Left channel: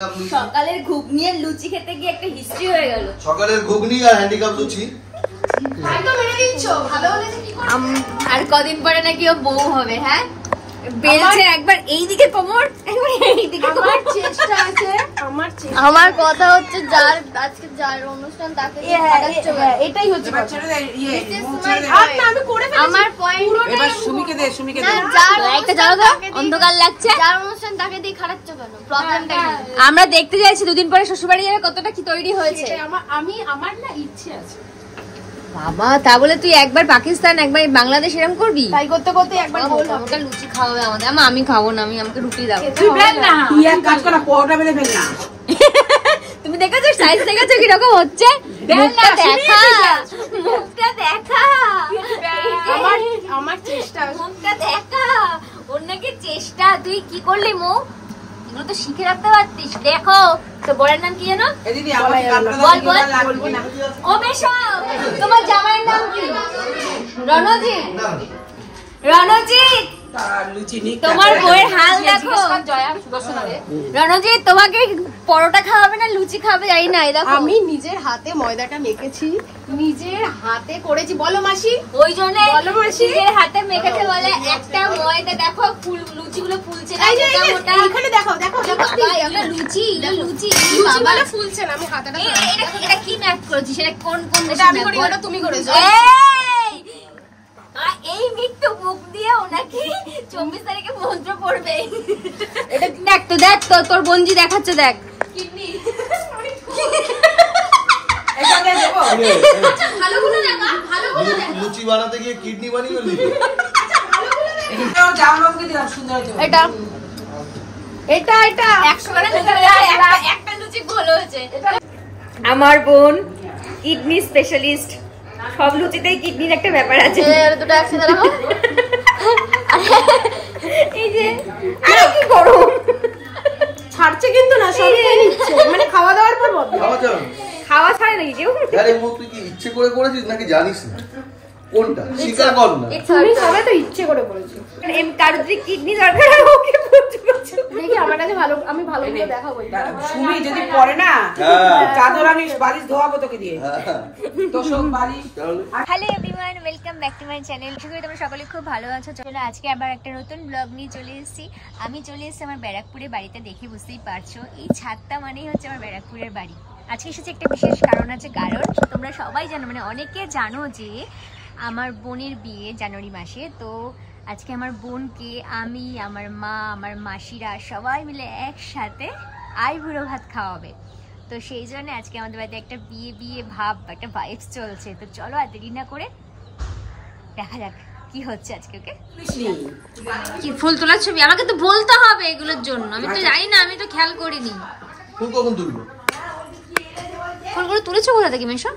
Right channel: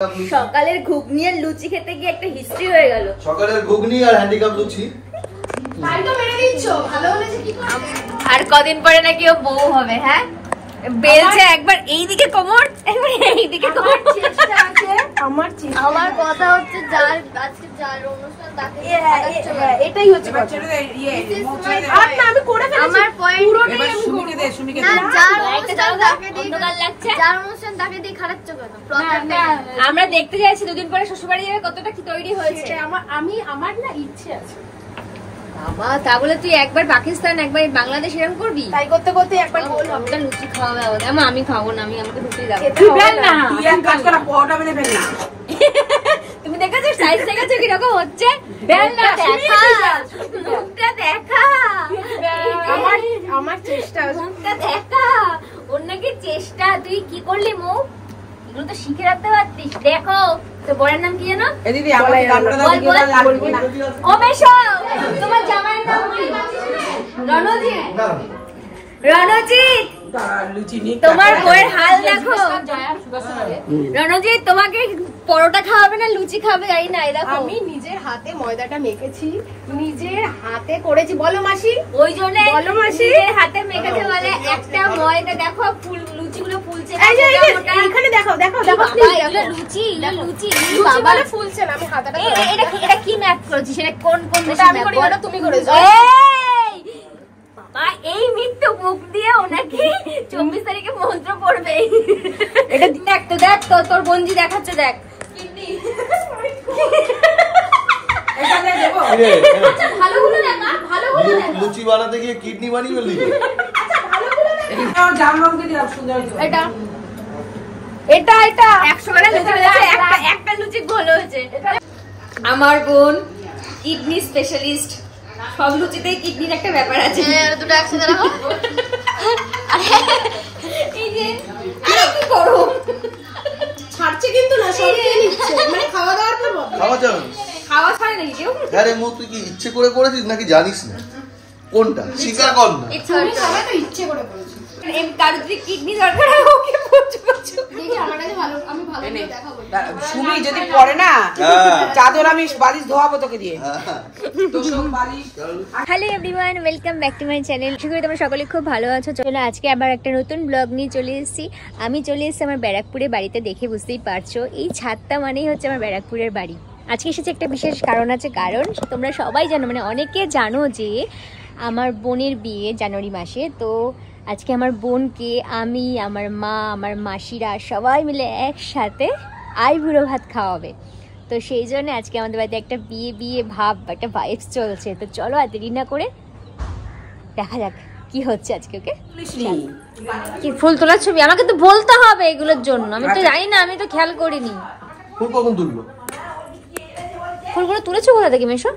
সকালের ঘুগনি আর লুচি খেতে গিয়ে একটা হিস্ট্রি হয়ে গেল। সকালের ঘুগনি আর হ্যান্ডিক্যাপ লুচি আর কদিন পরে নাকি ও বউ হবে। হ্যাঁ বেলছে একবার এইদিকে কোমর একবার এইদিকে কোমর। চেষ্টা আছে আমার কথা হচ্ছে যার আজকে যার অনুষ্ঠান তাকে এটাই হচ্ছে আমার পয়েন্ট। এবার সুমিকে দে না যার একটা জায়গা অন্ধকার লাগছে যার অনুষ্ঠান তাকে দিয়ে খারাপ চলবে না। আমরা দেখতে যাচ্ছি দুদিন পরে শ্বশুরবাড়ি যাবে কতটা কি তৈরি হয়েছে। আমার না ইচ্ছে আছে বাবা তা বলে তুই একবার পাকিস্তান একবার বাংলাদেশ এরকম করবি। তাই করতে করতে একবার ওটা লুচি খাওয়াবে আমাদের। আমি খাবো না, আমাকে রুটি দাও। তুই বেল না, তুই এক কাজ কর পরোটা বেলে বেল না। তুমি দেখেছো সাইজ দেখেছো কি রকম হচ্ছে? বেল না দেখা মুখটা দেখা আমার চেষ্টা মুখটা দেখা অন্যকে চেষ্টা তুই কি করলি মুখ এগুলো তো শিখে রাখতে পারতিস। দেখো তো বড়ের নাম কি জানো? ও বেশ তোমার জামাইয়ের নাম কি? রণজিৎ। রণজিৎ তোমার বউয়ের হাল দেখো। রণজিৎ তোমাকে পরোটা খাওয়াবে না লুচি খাওয়াবে জানি না। দেখো আমি নিজের হাতে ময়দাটা মেখেছি, নিজের হাতে করেছি। বলো মাসি। ওই জন্য বলো মাসি নিজের হাতে মেখেছে বলে একটা ময়দা দেখো লুচিগুলো ফুলছে। এখানে দেখো দেখো দেখো লুচি লুচি বাবা ফুলছে না। আমি হাতাটা এটা কি ম্যাথ করেছিস? সেটা কোন কোন তুমি করেছো? এই মৃত্যু মুখ দিয়ে ওনাকে 24 তারিখে মন্ত্র পড়বে। এটা দেখ তো দেখ তো তোর বঞ্জি দেখাচ্ছে দেখ লুচি বানাতে গিয়ে কিডনি বানিয়ে ফেললি। এটা এটা এটা 100 গ্রাম একটা লুচি ভালো হয়েছে। আমার বোন কিডনি স্পেশালিস্ট, সব লুচিতেই কিডনির একটা ব্যাপার আছে। দুটো একসাথে রাখো। এই যে আরে কি করো ছাড়ছে কিন্তু না মানে খাওয়া দাওয়ার পর খাওয়া ছাড়ে নাকি কেউ? আরে মুখ তুই কি ইচ্ছে করে করেছিস নাকি জানিস না কোনটা? স্বীকার কর না। তুমি সবাই তো ইচ্ছে করে করেছো। কারোর যদি কিডনি দরকার ওকে দেখি আমার কাছে ভালো, আমি ভালো করে দেখাবো। সুমি যদি পড়ে না চাদর আমি বালিশ ধোয়াবো তোকে দিয়ে। Hello everyone, welcome back to my channel. আশা করি তোমরা সকলে খুব ভালো আছো। চলো আজকে আবার একটা নতুন ব্লগ নিয়ে চলে এসেছি। আমি চলে এসেছি আমার ব্যারাকপুরের বাড়িতে। দেখে বুঝতেই পারছো এই ছাদটা মানেই হচ্ছে আমার ব্যারাকপুরের বাড়ি। আজকে এসেছে একটা বিশেষ কারণ আছে। কারণ তোমরা সবাই জানো, মানে অনেকে জানো যে আমার বোনের বিয়ে জানুয়ারি মাসে। তো আজকে আমার বোনকে আমি, আমার মা, আমার মাসিরা সবাই মিলে একসাথে আইবুড়ো ভাত খাওয়াবে। তো সেই জন্য আজকে আমাদের বাড়িতে একটা বিয়ে বিয়ে ভাব, একটা ভাইবস চলছে। তো চলো আর দেরি না করে দেখা যাক কি হচ্ছে আজকে। ওকে কি ফুল তোলার ছবি আমাকে তো বলতে হবে এগুলোর জন্য। আমি তো জানি না, আমি তো খেয়াল করিনি। ফুল কখন তুলবো? ফুলগুলো তুলেছো কোথা থেকে মেশো?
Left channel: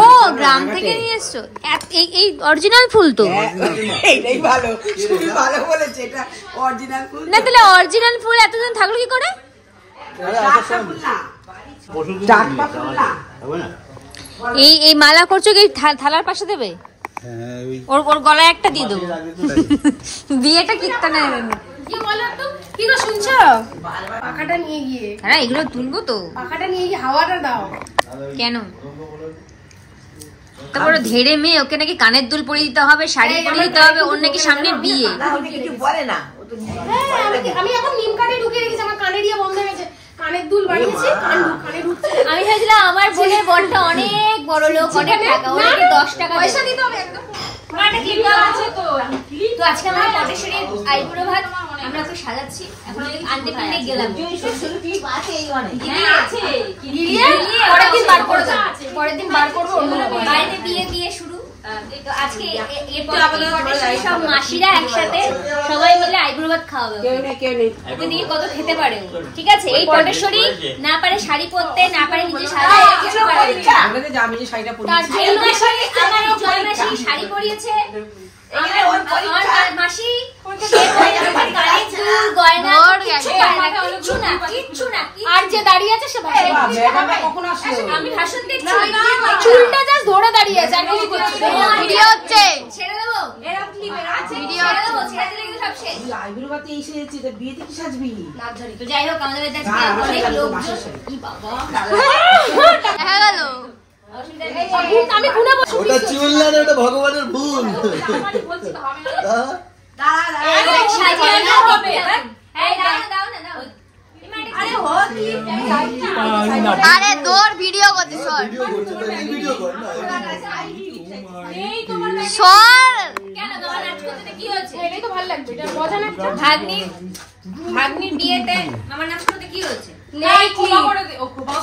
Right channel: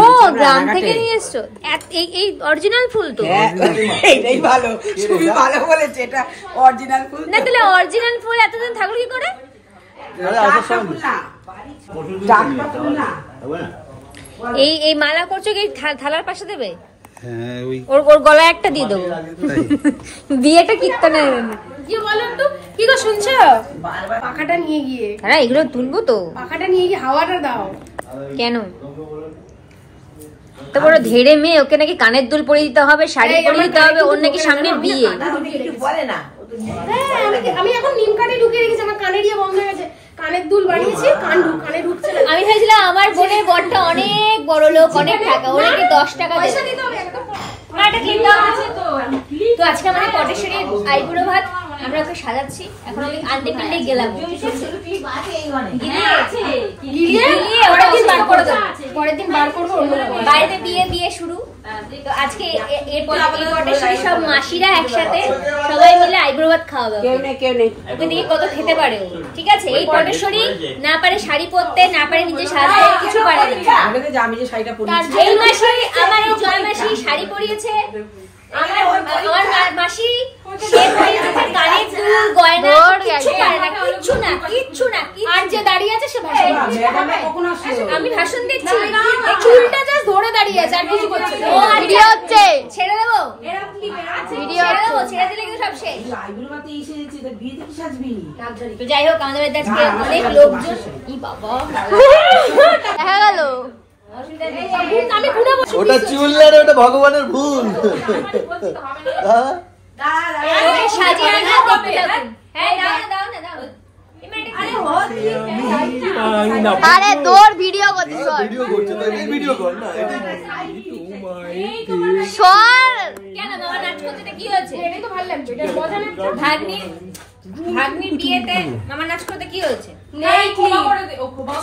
ও গ্রাম থেকে নিয়ে এসছো? এই অরিজিনাল ফুল তো? না তাহলে অরিজিনাল ফুল এতদিন থাকলো কি করে? এই মালা করছো কি থালার পাশে দেবে? ওর গলায় একটা দিয়ে দেবো। বিয়েটা কীর্তনে কি গো শুনছো? পাখাটা নিয়ে গিয়ে হ্যাঁ এগুলো তুলবো তো। পাখাটা নিয়ে গিয়ে হাওয়াটা দাও। কেন? তো বড় ধেড়ে মেয়ে, ওকে নাকি কানের দুল পরিয়ে দিতে হবে, শাড়ি পরিয়ে দিতে হবে, ওর নাকি সামনে বিয়ে। আমি এখন নিম কানে ঢুকে রেখেছি, আমার কানের ইয়ে বন্ধ হয়ে গেছে। কানের দুল বানিয়েছি, কানে ঢুকছে। আমি ভেবেছিলাম আমার বোনের বরটা অনেক বড় লোক, অনেক টাকা, ওনাকে 10 টাকা দেবে। তো আজকে আমাদের পটেশ্বরীর আইবুড়ো ভাত, আমরা ওকে সাজাচ্ছি। এখন ওকে আনতে ফেলতে গেলাম, পরের দিন বার করবো। বাইরে বিয়ে বিয়ে শুরু। তো আজকে সব মাসিরা একসাথে সবাই মিলে আইবুড়ো ভাত খাওয়াবে। ওকে দিয়ে কত খেতে পারে। ঠিক আছে, এই পটেশ্বরী না পারে শাড়ি পরতে, না পারে নিজে সাজাতে, কিছু পারে না। এই মাসি আমার এই জয় মাসি শাড়ি পরিয়েছে। আমার মাসি সে পরিয়েছে কানের দুল, গয়না, কিছু পারে না, কিচ্ছু কিচ্ছু না আর যে দাঁড়িয়ে আছে সে ভাষণ কখন আসলো? আমি ভাষণ দিচ্ছি চুলটা জাস্ট ধরে দাঁড়িয়ে আছে আর কিছু করছে না। ভিডিও হচ্ছে ছেড়ে দেবো ভিডিও ছেড়ে দিলে কিন্তু সব শেষ আইবুড়ো বাতি এসে যাচ্ছে, তা বিয়েতে কি সাজবি? তো যাই হোক আমাদের বাড়িতে আজকে অনেক লোকজন ই বাবা দেখা গেল আমি পুরো বসে ওটা চুল আর ওটা ভগবানের ভুল। হ্যাঁ? সাজিয়ে না দেখতে থাকুন হ্যাঁ দাও না আরে তোর ভিডিও করতে সর ভিডিও কর না। সর কেন তোমার নাচ করতে কি হয়েছে এটাই তো ভালো লাগবে, এটা মজা লাগবে। ভাগ্নির বিয়েতে আমার নাচ করতে কি হয়েছে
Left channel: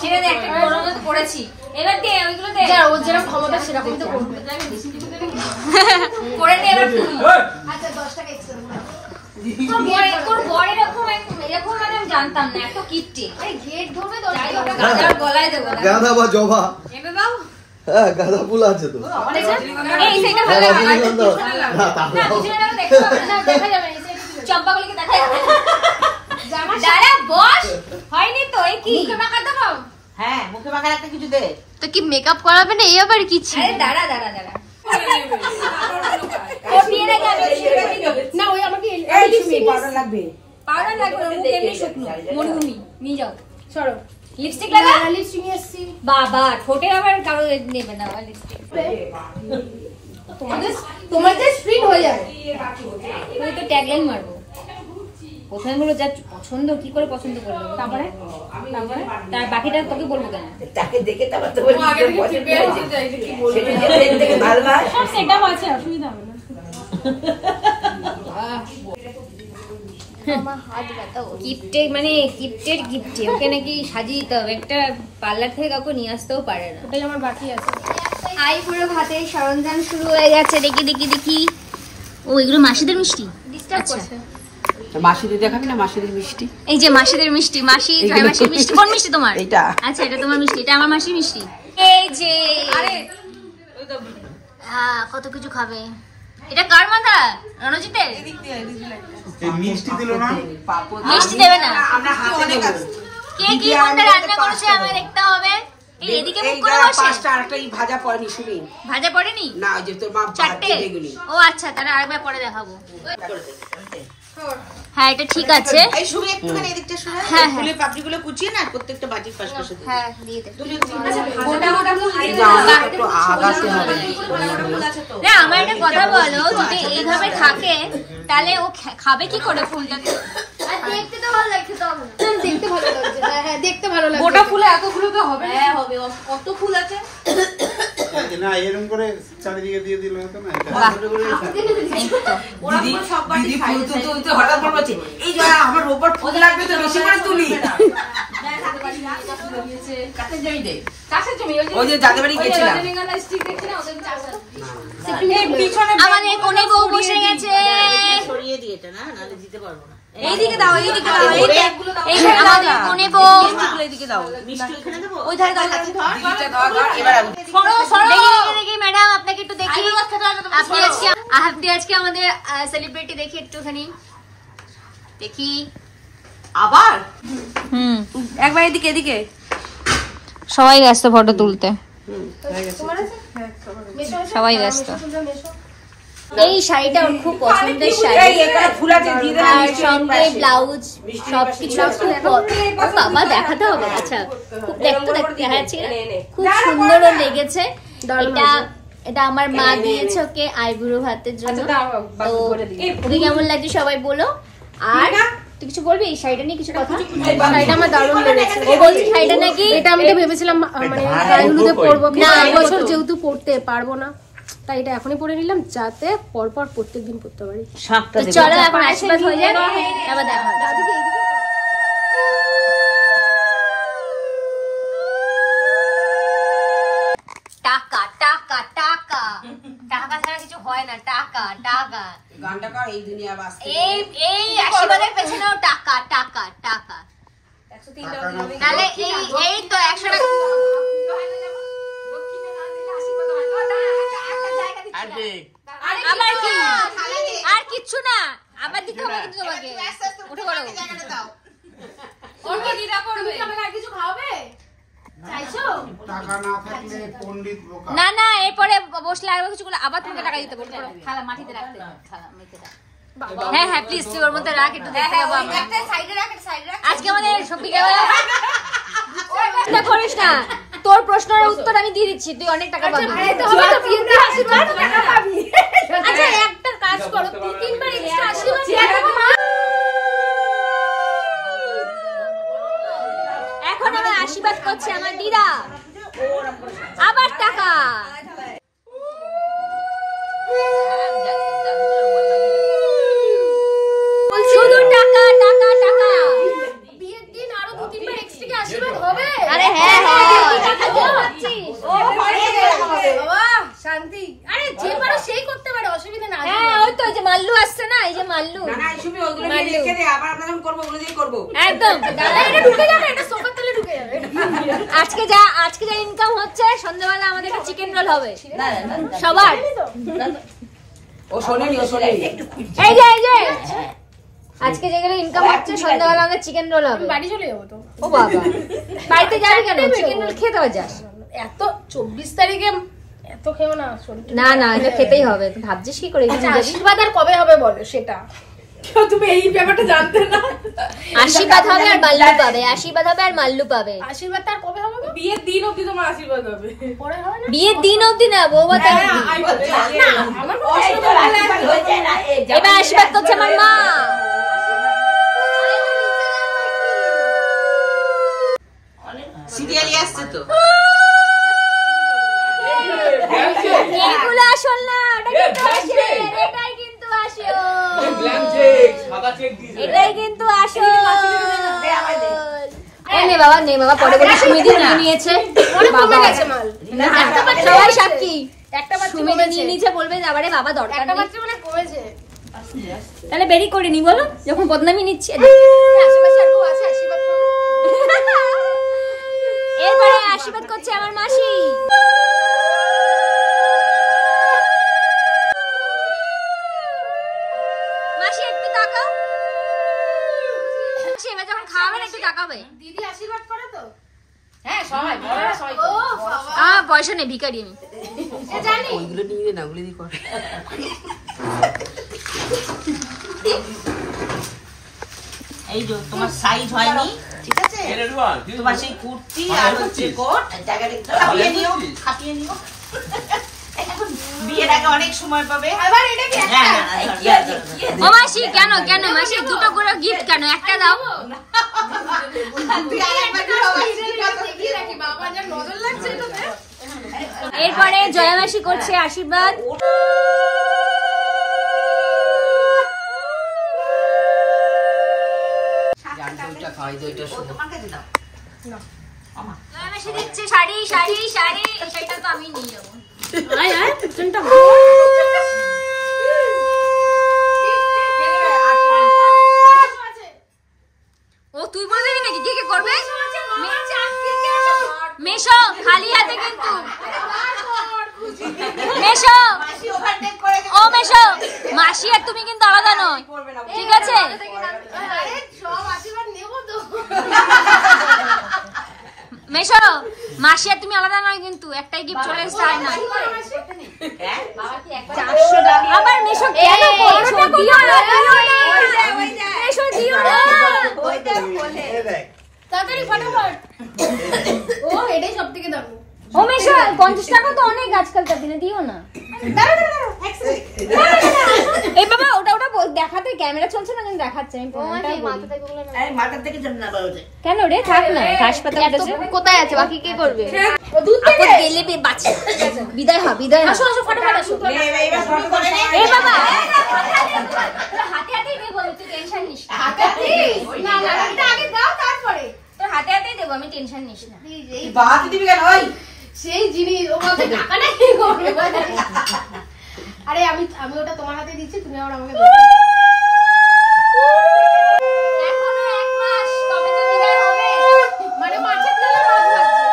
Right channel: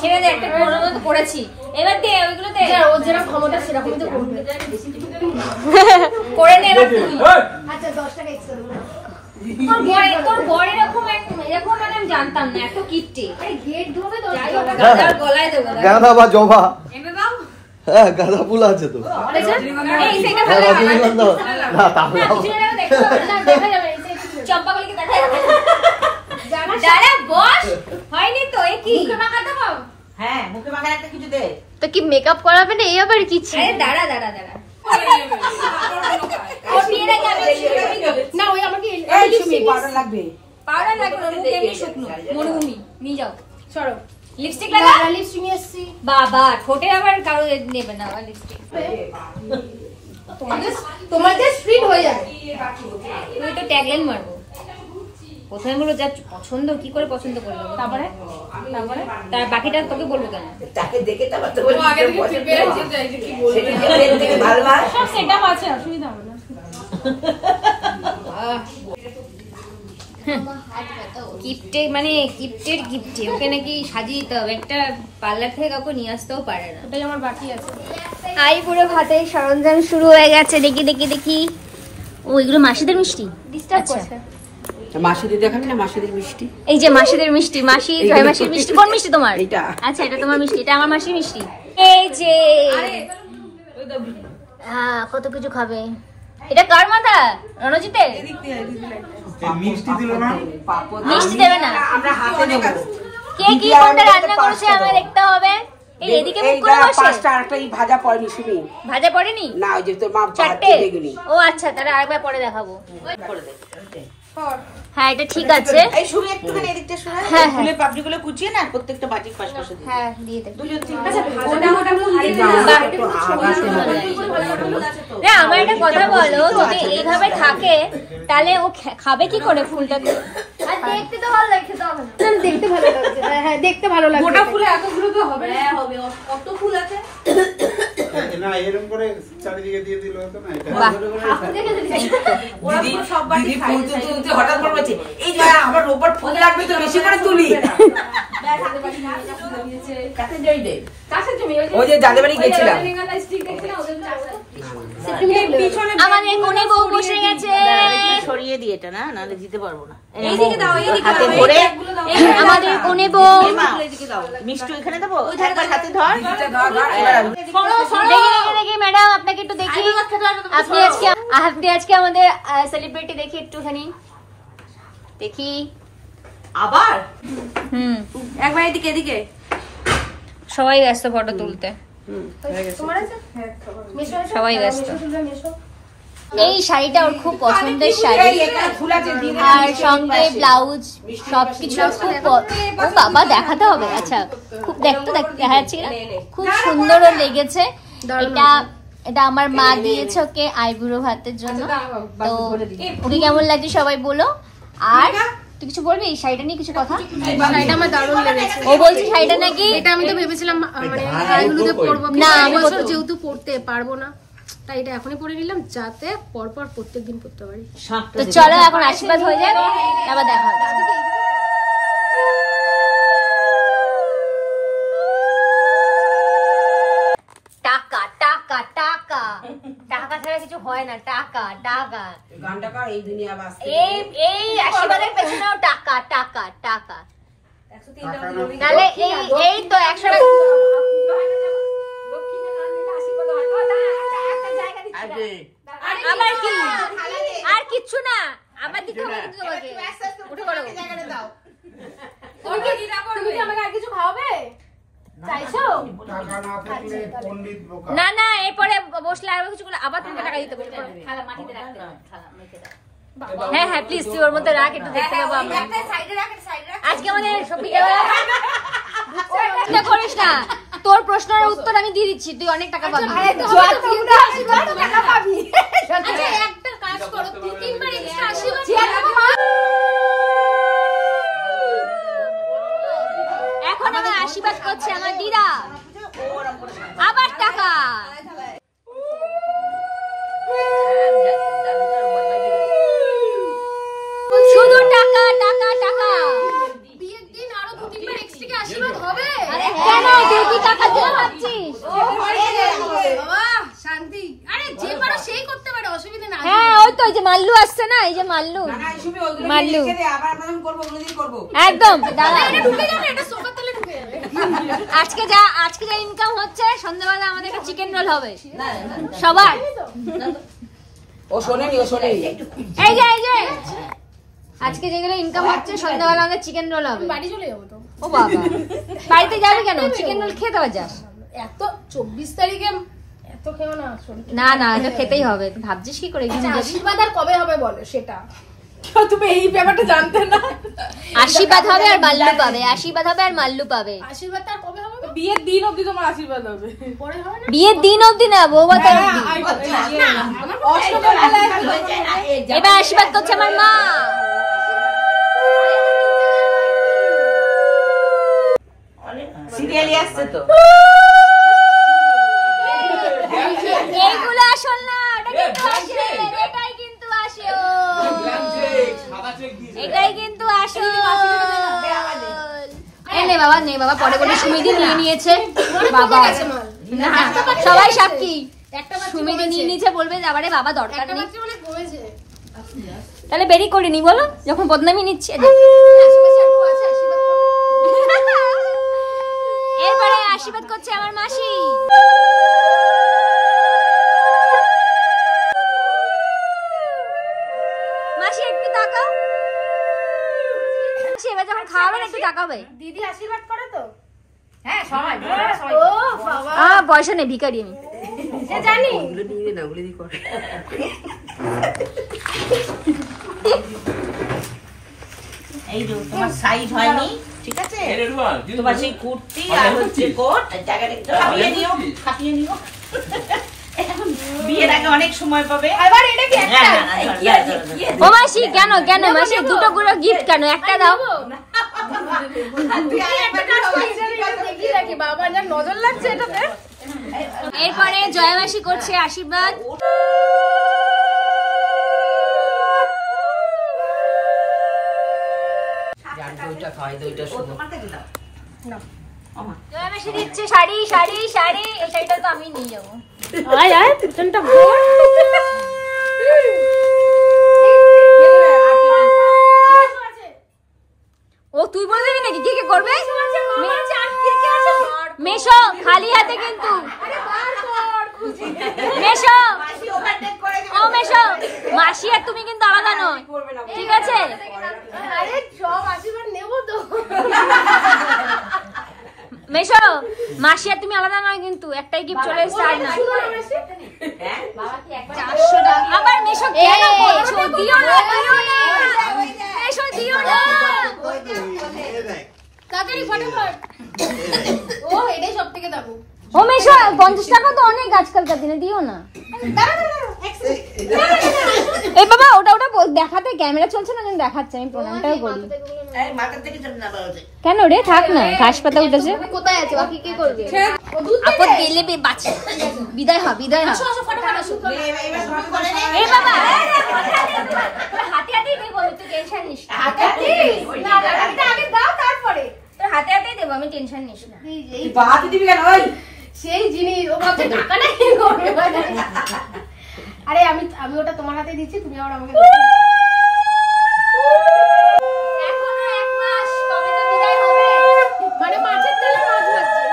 ছেড়ে দে একটা কোনো মতো করেছি এবার দে ওইগুলো দে যার ওর যেরকম ক্ষমতা সেরকম তো করবে। করে নে এবার তুই আচ্ছা 10 টাকা এক্সট্রা দেবো। তোর বড় এরকম মানে আমি জানতাম না এত কিপটে আরে গেট ঢোকে তো যাই হোক গাদার গলায় দেবো গাঁদা বা জবা। এবে বাউ হ্যাঁ গাঁদা ফুল আছে তো। এই সেটা ভালো রজনীগন্ধা। না তা না কিছু না দেখতে হবে না দেখা যাবে না, এই চম্পাগুলিকে দেখা যাবে দাঁড়া বস হয়নি তো এ কি মুখে মাখা দেবো। হ্যাঁ, মুখে মাখার একটা কিছু দে। তো কি মেকআপ করাবে না এই আবার কি ছিল আরে দাঁড়া ও বিয়ে না যাবে না ওই আমাকে এই সুমি পাউডার লাগবে। পাউডার লাগবে না মুখ এমনি শুকনো মরুভূমি নিয়ে যাও সরো লিপস্টিক লাগা লিপস্টিক নিয়ে এসেছি। বাবা ঠোঁটে আবার কারো নেবে না লিপস্টিক তোমাদের স্প্রিট হয়ে যাবে। তুই তো ট্যাগলাইন মারবো প্রথমে বলো যা পছন্দ কি করে পছন্দ করলো তারপরে তার বাকিটা তোকে বলবো কেন তাকে দেখে তারপর তো বলি পছন্দ হয়েছে। সেটা যে ট্রেন থেকে ভালোবাস। সব সেটআপ আছে, অসুবিধা হবে না। গিফটে মানে গিফটের গিফটে ওকে নাকি সাজিয়ে দিতে হবে একটা পার্লার থেকে কাউকে নিয়ে আসতেও পারে না ওটাই আমার বাকি আছে। আই পুরো ভাতের সরঞ্জাম শুরু হয়ে গেছে দেখি ও এগুলো মাসিদের মিষ্টি আচ্ছা মাসিদের দেখাবি না, মাসিদের মিষ্টি। এই যে মাসিদের মিষ্টি মাসি জয় মাসির মিষ্টি কোন মিষ্টি তোমার এটা। আচ্ছা এটা তোমার মিষ্টি এটা আমার মাসির মিষ্টি এই যে হ্যাঁ কত কিছু খাবে এটা কার মাথা রণজিতের মিষ্টি দিল না মিষ্টি দেবে না আমরা হাতে দেব। কে কি কোনটা রান্না করেছে আমায় দেখতে হবে এই এদিকে মুখ করে বসে পাঁচটা আরেকটা এই ভাজা পড়েনি সুমি। ভাজা পড়েনি না ওই যে তোর মা চারটে এগুলি। ও আচ্ছা তাহলে আরেকবার পরে দেখাবো হ্যাঁ এটা ঠিক আছে এই সুমি একটুখানি এদিকটা সরা। হ্যাঁ, হ্যাঁ। ফুলের পাপড়িগুলো কুচিয়ে না প্রত্যেকটা বাটির পাশে দিয়ে। হ্যাঁ দিয়ে দে দুজন তিন এই যে আমাকে একটু আগাতে হবে না আমার একটা কথা বলো যদি এইভাবে থাকে তাহলে ও খাবে কি করে ফুলটাকে দেখতে তো ভালো লাগে, খেতে হবে না। দেখতে ভালো লাগছে। হ্যাঁ দেখতে ভালো লাগছে। গোটা ফুলে এতগুলো তো হবে। হ্যাঁ হবে, কত ফুল আছে। না এরকম করে চারিদিকে দিয়ে দিল হতো না এটা বাহ দিদি দিদি ফুল তুলতে হঠাৎ করে বলছে এই যে আমার রোববার ফুল লাগবে তো বেশি করে তুলি। কাছে যাই দে। ওই যে যাদের বাড়ি গেছিলাম। আমাদের কোণে বউ বসে গেছে সরিয়ে দিয়ে এটা না, নালে দিতে পারবো না। এইদিকে দাও আমাদের কোণে বউ এদিকে দাও। মিষ্টি এখানে দেবো। ওই ধারে হাতে ধর। দেখি ম্যাডাম আপনাকে একটু দেখি আপনি আজকে আমাদের সেলিব্রিটি দেখি একটুখানি দেখি আবার একবার এদিকে সবাই ব্যস্ত ফটো তুলতে সবাই ব্যস্ত এই শাড়িটা ওর খুব পছন্দের শাড়ি ফুল আছে দিয়ে দে। আর সঙ্গে ব্লাউজ সবকিছু ও বাবা দেখাতে হবে আচ্ছা খুব দেখতে দেখাচ্ছি না খুব সুন্দর লেগেছে এটা আমার মা দিয়েছে ওকে আইবুড়ো ভাতের জন্য তো ওকে কেমন লাগছে সবাই বলো আর তুই কিছু বলবি এই শাড়িটা নিয়ে কিছু কথা শাড়িটা আমার দারুণ লেগেছে। ও বলছে শাড়িটা নাকি এটা আমি তো ভেবেছিলাম মানে গায়ে হলুদে পরবো না, না, আমি বছর পরবো। যেহেতু পড়তে পারবো না তাই এটা এখনই পরে নিলাম যাতে পরপর প্রত্যেকদিন পড়তে পারি। তো চলো এখন আশীর্বাদ হয়ে যাক তারপর দেখা হবে টাকা টাকা টাকা টাকা ছাড়া কিছু হয় না টাকা টাকা গানটা কার এই দুনিয়া বাস। এই এই আশীর্বাদের পেছনেও টাকা টাকা টাকা তাহলে এই তো 100 টাকা আবার কি আর কিচ্ছু না আবার দিতে হবে কিন্তু তোমাকে উঠে পড়ো তুমি কি আমাকে আর কিছু খাওয়াবে? চাইছো? টাকা না থাকলে পণ্ডিত বোকা। না না, এরপরে বসলে আরো কিছু করলে আবার তোমাকে টাকা দিতে বলবো। হ্যাঁ হ্যাঁ প্লিজ তুই ওর মধ্যে রাখ, একটু দেখতে পাবো আমরা। আজকে আমাদের চিন্তা করিস না, তোর প্রশ্নের উত্তর আমি দিয়ে দিচ্ছি, তুই অনেক টাকা পাবি। একটা কাজ করো, 3বার এক্সট্রা আশীর্বাদ। এখন আমার আশীর্বাদ করছে আমার দিদা, আবার টাকা। শুধু টাকা টাকা টাকা। বিয়ের দিন আরো 2-3বার এক্সট্রা আশীর্বাদ হবে। আরে হ্যাঁ তুই টাকা দিয়ে পাচ্ছিস। বাবা শান্তি। আরে যে পারো সেই করতে পারে, অসুবিধা না। হ্যাঁ ওই তো, ওই যে মাল্লু আসছে না, এই যে মাল্লু, মাল্লু একদম ঢুকে যাবে, এটা সোফার তলে ঢুকে যাবে। আজকে যা ইনকাম হচ্ছে, সন্ধ্যাবেলা আমাদের একটা চিকেন রোল হবে সবার। এই যে আজকে যেগুলো ইনকাম হচ্ছে, সন্ধ্যাবেলা আমাদের চিকেন রোল হবে। বাড়ি চলে যাবো তো। ও বাবা, বাড়িতে যাবি কেন? চিকেন রোল খেতে হবে। যাস এত 24 তারিখে এত খেও না। না না, এটা খেতেই হবে। ভাবছিস কি করে এগিয়ে যাবি? আশীর্বাদ আর কবে হবে বলো সেটা। তুমি এই ব্যাপারটা জানতে না। আশীর্বাদ হবে আর মাল্লু পাবে, আশীর্বাদ হবে আর মাল্লু পাবে। আশীর্বাদ তার কবে হবে? বিয়ের দিন অবধি তোমার আশীর্বাদ হবে। পরে হবে না? বিয়ের দিন অবধি না, বৌমা তার না আমার এবার আশীর্বাদ করছে আমার মা। সিরিয়ালি আসছে তো। এইগুলো আসল না, এটাই কিন্তু আসল। এটাই কিন্তু আসল। নে বাবা, নে বাবা, পরে বলি সুমিদি নিয়ে নিয়েছে বাবা। না সবাই সাক্ষী, একটা বাচ্চা সুমিদি নিয়ে নিয়েছে, বলবে আবারে বাবা দরকার একটা নেই। বাচ্চা মানে কমেছে। তাহলে বেরি করিনি বলো, যখন বদনামি নিচ্ছে। আশেপাশে আর কেউ আছে আশীর্বাদ করবে? এরপরে আশীর্বাদ করছে আমার মাসি। মাসি একটু তাকাও। মাসি এবার যখন খাওয়াবেন একটু তাকাবে। দিদি আশীর্বাদ করে তো? হ্যাঁ সবাই ও বাবা, পয়সা নেই, ভিখারি আমি। এ জানি। ওইগুলো নিয়ে না, ওগুলো দিয়ে কর। এই যে তোমার সাইজ হয়নি, ঠিক আছে? তোমার সেই কুর্তি আর হচ্ছে কোট খাপিয়ে নিও। এখন বিয়ের আগে অনেক সময় পাবে। এবার এটা কি একটা? ও মাসি কেন কেন মাসি, দুটো করে গিফট কেন, একটা দাও। তুই আর একটা কাজ করিস, এটা দেখিয়ে রাখি। বাবা যা নজর লাগছে এটাতে। এরপরে জয়া মাসি করছে আশীর্বাদ। জয়া মাসি দিচ্ছে শাড়ি শাড়ি শাড়ি। এই শাড়িটা তো আমি নিয়ে যাবো। আয় আয় পিছনটা ঘোর। ও তুই বলে দিবি নাকি কে কে করবে? মেশো খালি হাতে কিন্তু। মেশো ও মেশো, মাসি আর তুমি কিন্তু আলাদা নয়, ঠিক আছে? আরে সব আশীর্বাদ নেবো তো। মেশো, মাসি আর তুমি আলাদা নয় কিন্তু, একটাই গিফট চলে এসছে আর না। 400 টাকা। আবার মেশো কেন করছো? দিও না দিও না মেশো, দিও না। তাড়াতাড়ি ফটাফট। ও এটাই সব থেকে দামি। ও মেশো 50 টাকা তো অনেক আজকালকার দিনে, দিও না। এই বাবা ওটা দেখাতে ক্যামেরা চলছে না, কিন্তু দেখাচ্ছে, আমি প্রণামটাই করি। মাথার থেকে যেন না বলছে। কেন রে, থাক না, হাসপাতাল উঠেছে। কোথায় আছে? বাকি কে করবে? আপদ গেলে বাঁচে। বিদায় হ, বিদায় হ। আসো ফটাফট আসো। এ বাবা হাতে হাতেই দেবো, আমি তো টেনশন নিস না। হাতে না না, এটা আগে দাও তারপরে। তোর হাতে হাতেই দেবো, আমি টেনশন নিস না। এই বাতি দিবি কেন? ওই সেই জিনিস ও ভাবছে টাকা নাই করবে। আরে আমি ওটা তোমার হাতে দিচ্ছি, তুমি আবার আমাকে দাও। এখনো 1 মাস, তবে তো বিদায় হবে। মানে মাছের তেলে মাছ ভাজছে।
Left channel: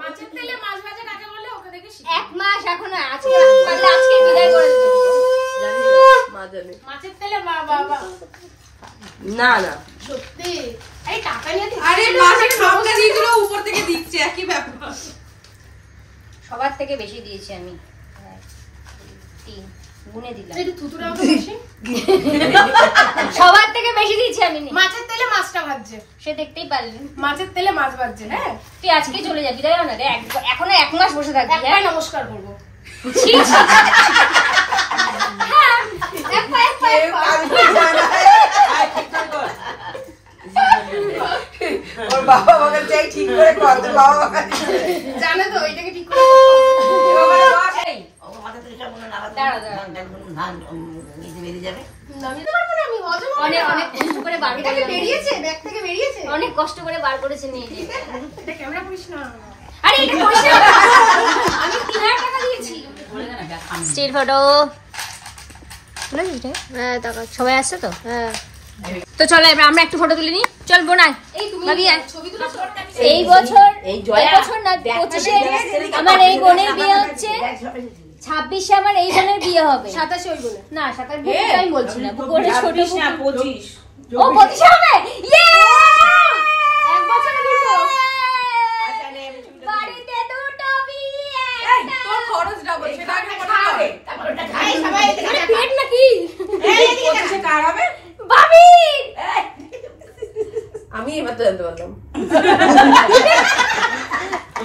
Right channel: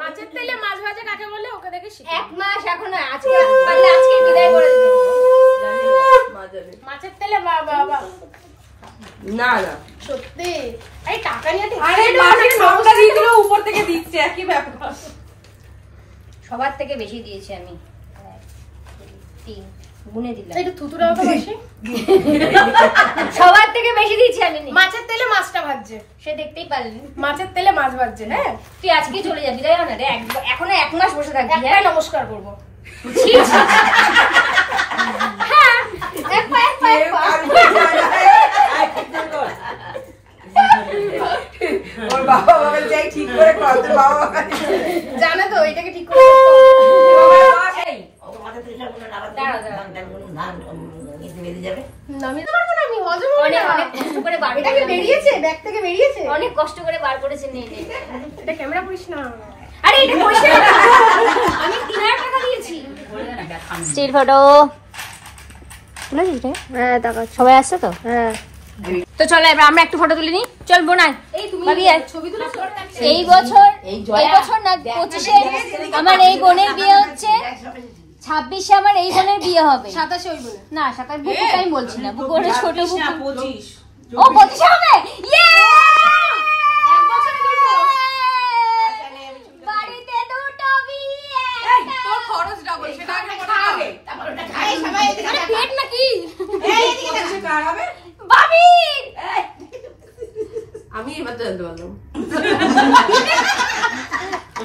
মাছের তেলে মাছ ভাজা কাকে বলে ওকে দেখে শিখি। 1 মাস এখনো, আজকে পারলে আজকে বিদায় করে দেবে। জানে। মাছের তেলে বাবা না না সত্যি আরে টাকা নিয়ে আরে মাছের লঙ্কা দিয়ে দিল উপর থেকে দিচ্ছে একই ব্যাপার। সবার থেকে বেশি দিয়েছি আমি, 3 গুনে দিলাম। একটু থুতুরা মতো বেশি সবার থেকে বেশি দিয়েছি আমি। মাছের তেলে মাছটা ভাজছে, সে দেখতেই পারলি। মাছের তেলে মাছ ভাজছে। হ্যাঁ তুই আজকে চলে যাবি তাই না? এখনো 1 মাস বসে থাকবি। একটাই নমস্কার করবো। ছি, ছি। হ্যাঁ, এক পা। ওর বাবা বলে যাই ঠিক করে কর, তোর বাবা জানে তো এটাকে ঠিক করে নামিয়ে পারবো না, আমি হজম হবে না। অনেক কষ্ট করে বার এটা কি বেরিয়েছে? ব্যাগ থেকে বেরিয়েছে? অনেক কষ্ট করে বার করেছে নিয়ে। এটা ক্যামেরা করিস না। আরে এটা পয়সা আমি 3000 টাকা দিয়েছি। স্টিল ফটো তুলেছিস রে? হ্যাঁ টাকা। সবাই আসছে তো? হ্যাঁ তো চলো এবার আমরা একটা ফটো তুলে নিই। চল বোনাই। এই তুমি ছবি তুলো। এই বছর না 25-এ আমার এই বোনের বিয়ে হচ্ছে, 26-এ আমার এই বোনের বিয়ে হবে। 27 ওই বলে না 27 বুক আমি বলছি না, বুক ওরে ছোট বুক। 25 ও 25 হবে। ইয়ে! এক বছরে দুটো। বাড়িতে দুটো বিয়ে। তোর খরচ ডাবল সেটা আমি খাবে তারপর ওটা খাই সবাই আরে পেট নাকি? এই দিকে কার হবে ভাবি আমি এবার তো জানতে পারলাম।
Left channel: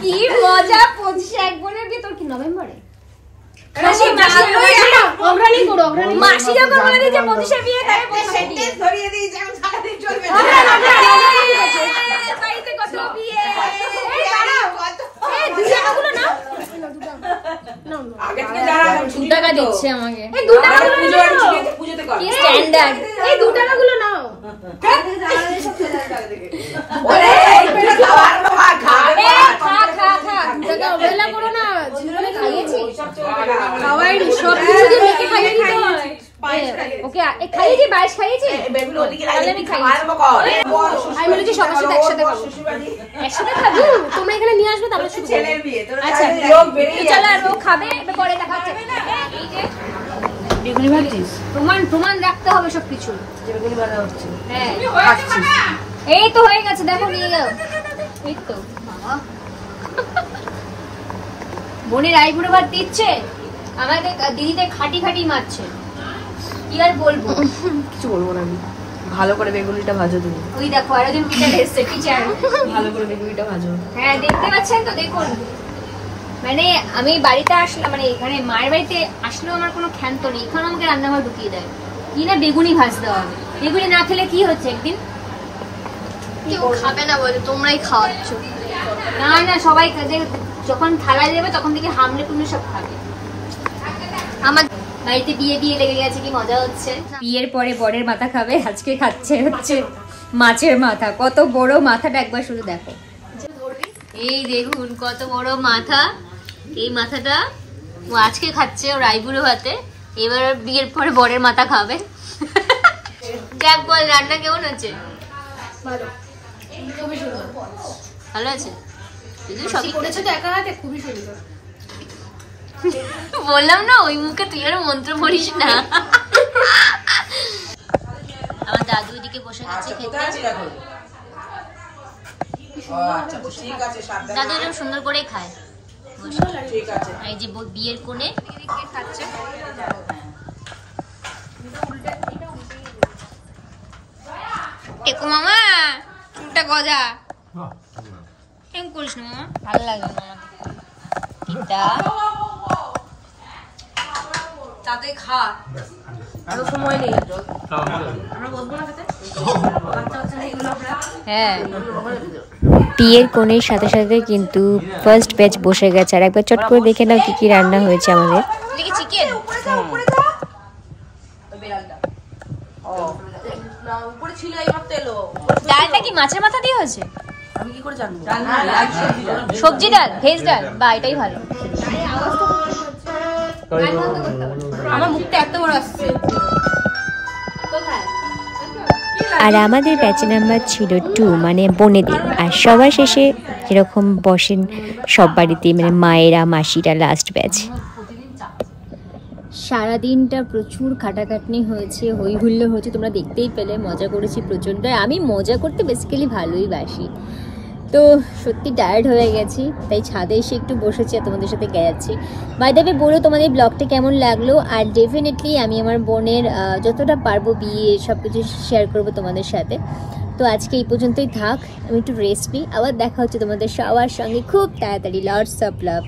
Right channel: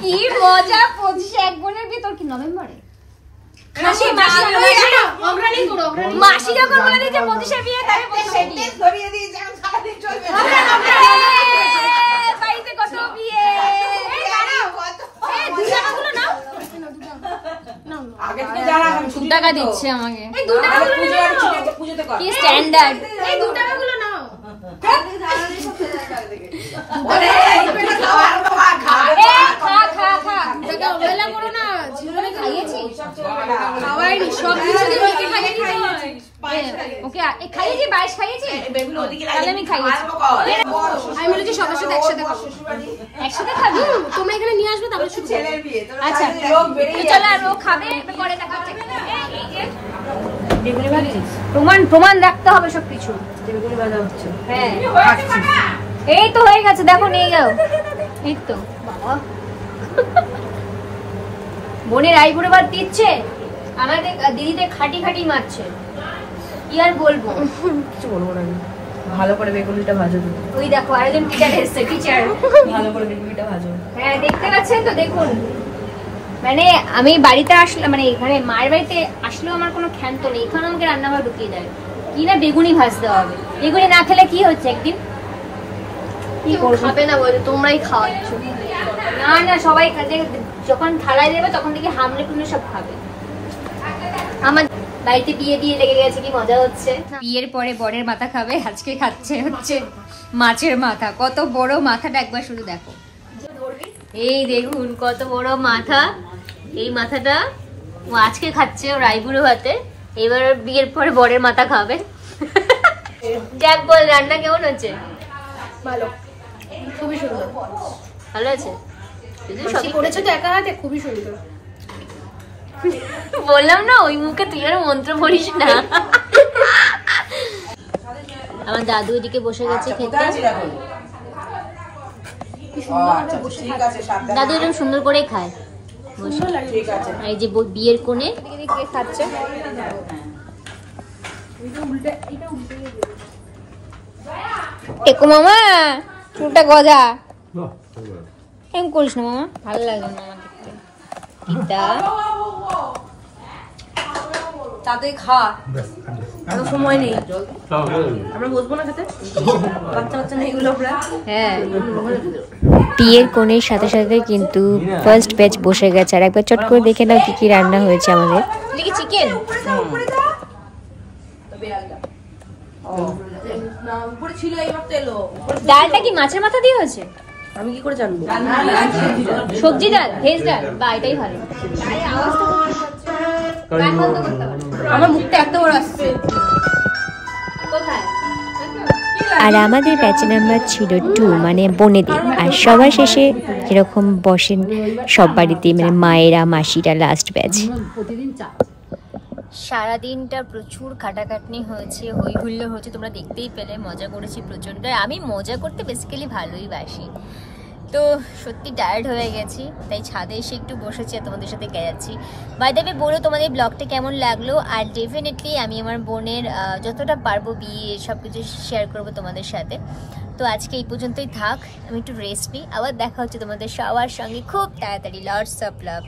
কি মজা, 25-এ এক বোনের বিয়ে। তোর কি নভেম্বরে? মাসি অগ্রণী করো, অগ্রণী। মাসি যখন বলে দিয়েছে 25-এ বিয়ে, তাই 25-এ বিয়ে। ধরিয়ে দিয়েছি আমি সারাদিন চলবে বাড়িতে কত বিয়ে। এই দাঁড়াও, এই 2 টাকাগুলো নাও। নাও, নাও। আগে থেকে দাঁড়াও 2 টাকা দিচ্ছে আমাকে। এই 2 টাকাগুলো নাও। পুজোতে কর কি স্ট্যান্ডার্ড। এই 2 টাকাগুলো নাও। ওরে পেটে খাওয়ার বাবা খা খা। এটাকে অবহেলা করো না। জীবনে খাইয়েছি? খাওয়াই সব কিছু তো লোকে খাইয়ে দিতে হয়। ওকে খাইয়েছি, 22 খাইয়েছি। বেগুন ওদিকে তাহলে আমি খাইয়েছি। আমি বলি কি সবার সাথে একসাথে খাবো। একসাথে খাবি? তোমরা এখানে নিয়ে আসবে তারপর শুরু করবো। ছেলের বিয়ে তোর আচ্ছা তো চলো আর ও খাবে, এবার পরে দেখা হচ্ছে। এই যে বেগুনি ভাজিস প্রমাণ রাখতে হবে সবকিছু। বেগুনি ভাজা হচ্ছে হ্যাঁ এই তো হয়ে গেছে, দেখো নিয়ে যাও। এই তো বাবা বোনের আইবুড়ো ভাত দিচ্ছে, আমাদের দিদিদের খাটি মারছে। কি আর বলবো, কিছু বলবো না আমি। ভালো করে বেগুনিটা ভাজো তুমি। ওই দেখো আরেকজন টিচার এসছে, টিচার। ভালো করে বেগুনিটা ভাজো। হ্যাঁ দেখতে পাচ্ছেন তো, দেখুন মানে আমি বাড়িতে আসলে মানে এখানে মায়ের বাড়িতে আসলেও আমার কোনো ক্ষান্ত নেই, এখানে আমাকে রান্নাঘরে ঢুকিয়ে দেয় কি না বেগুনি ভাজতে হবে। বেগুনি না খেলে কি হচ্ছে, একদিন কেউ খাবে না বলে তোমরাই খাওয়াচ্ছ। না সবাই যখন থালায় দেবে তখন থেকে হামলে টুমলে সব খাবে। আমার বাড়িতে বিয়ে লেগে গেছে, কি মজা হচ্ছে। বিয়ের পরে বরের মাথা খাবে, আজকে খাচ্ছে হচ্ছে মাছের মাথা। কত বড় মাথাটা একবার শুধু দেখো, এই দেখুন কত বড় মাথা। এই মাথাটা ও আজকে খাচ্ছে ওর আইবুড়ো ভাতে, এবার বিয়ের পরে বরের মাথা খাবে। যাক বল, রান্না কেমন হচ্ছে? ভালো, খুবই সুন্দর। ভালো আছে? সবই করেছো তো একা হাতে, খুবই সুন্দর। বললাম না ওই মুখে তুই আর মন্ত্র পড়িস না। আমার দাদু এদিকে বসে গেছে খেতে। দাদু এরকম সুন্দর করে খায় বসে। এই যে বিয়ের কোণে কে খাচ্ছে, টেকো মামা চুলটা গজা। এম করিস না মামা, ভালো লাগবে না আমাকে। তাতে খা, সময় নেই। আমরা বসবো না খেতে, বাচ্চা নেই এগুলো আমরা। হ্যাঁ বিয়ের কোণের সাথে সাথে কিন্তু ফার্স্ট ব্যাচ বসে গেছে। আর একবার চট করে দেখে নাও কি কি রান্না হয়েছে আমাদের। দেখি চিকেন, ডালটা কি মাছের মাথা দিয়ে হয়েছে? আমি কি করে জানবো? সবজি ডাল, ভেজ ডাল, বা এটাই ভালো। আমার মুখটা এত বড় আসছে। আর আমাদের ব্যাচ নাম্বার ছিল 2, মানে বোনেদের। আর সবার শেষে যেরকম বসেন সব বাড়িতে, মানে মায়েরা মাসিরা লাস্ট ব্যাচ। সারাদিনটা প্রচুর খাটাখাটনি হয়েছে, হই হুল্লো হয়েছে, তোমরা দেখতেই পেলে, মজা করেছি প্রচণ্ড। আমি মজা করতে বেসিক্যালি ভালোই বাসি, তো সত্যি টায়ার্ড হয়ে গেছি, তাই ছাদে এসে একটু বসেছি আর তোমাদের সাথে গেছি। বাই দ্য ওয়ে বলো তোমাদের ব্লগটা কেমন লাগলো, আর ডেফিনেটলি আমি আমার বোনের যতটা পারবো বিয়ে সব কিছু শেয়ার করবো তোমাদের সাথে। তো আজকে এই পর্যন্তই থাক, আমি একটু রেস্ট নিই, আবার দেখা হচ্ছে তোমাদের সবার সঙ্গে খুব তাড়াতাড়ি। Lots of love.